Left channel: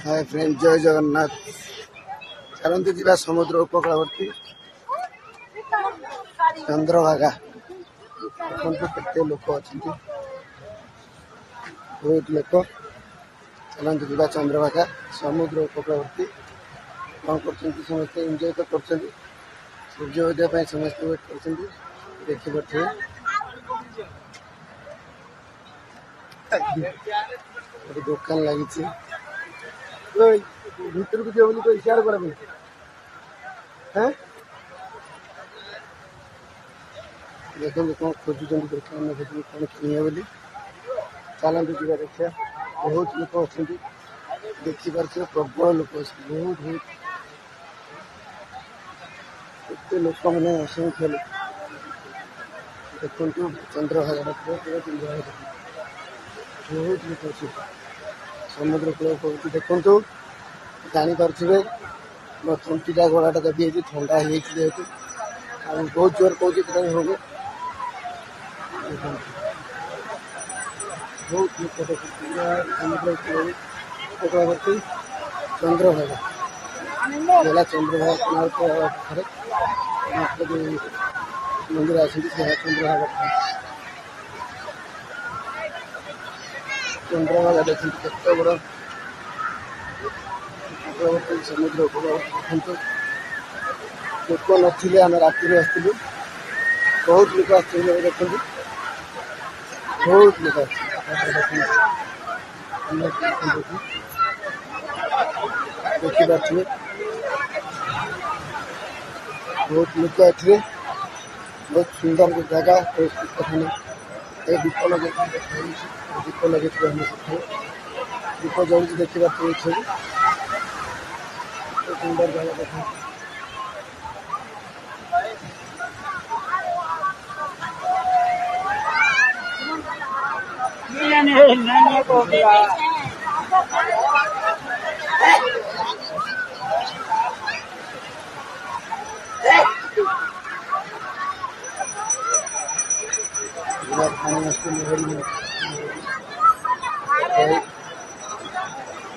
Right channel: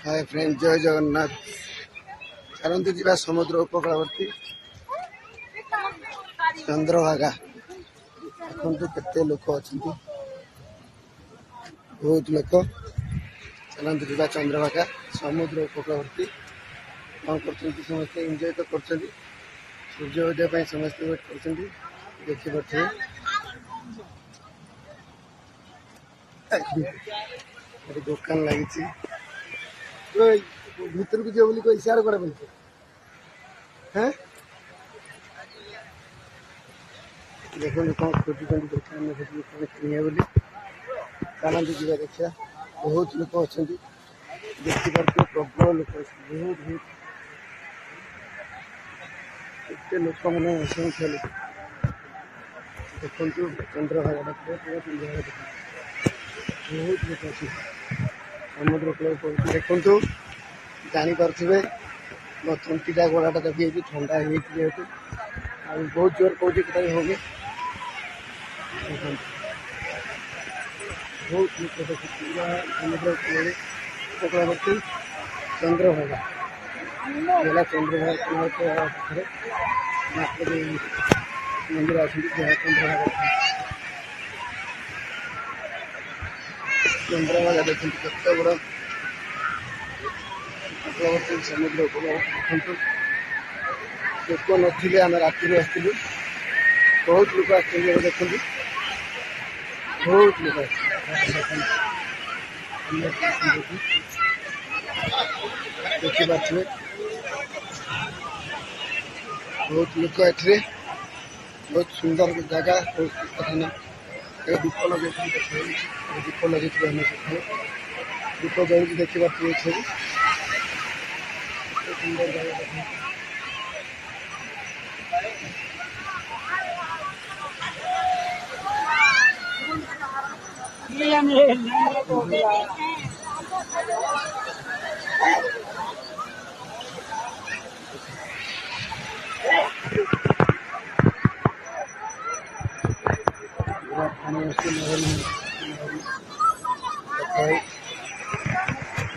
Hi friend, जय जगन्नाथ। चलते जा समुद्र उपकूलवर्ती चंद्रभागा। देखते लोक अच्छा, बहुत लोक। चलते जा चंद्रभागा समुद्र उपकूलवर्ती। कौन कर समस्त एंजॉय कर सूर्योदय समस्त वेट कर देखी पारे। दुकान लगी भितर को जो कोई इशारा कर देखो कौन खोजुन दुकान कौन किए बोली। चलते जा देखा। बहुत लोग अच्छा देखिपार प्रबल लोग बहुत बहुत एत लोक मैंने असंख्य लोक देखु चंद्रभागा बहुत लोग अच्छे समुद्र कूल देखु जापे मो तंटीटा गोड़ाटा दबी ठंडा जेहतु बहुत जोर कौन होगी बहुत लोग देखते चंद्रभागा चंद्रभागा मंदिर आसती चंद्रभागा चंद्रभागा देखते बड़ा समुद्र देखते लोक नी आम राति आसलु बहुत लोग आते देखते बहुत लोग देखिए बहुत लोग आते बहुत सुंदर जगह कथा नहीं दीप लगे दीप लगे दीप जल देखा सुंदर जगह देखा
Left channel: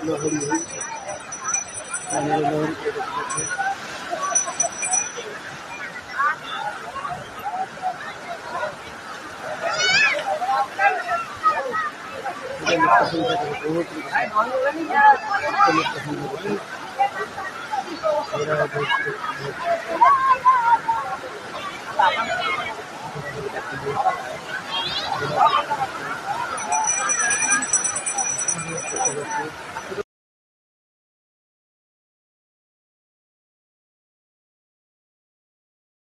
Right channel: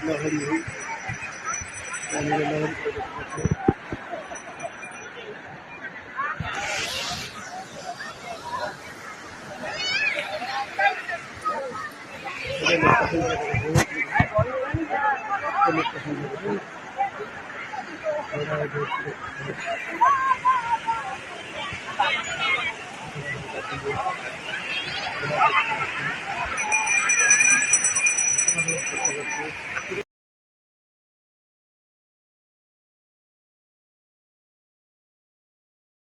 लहरी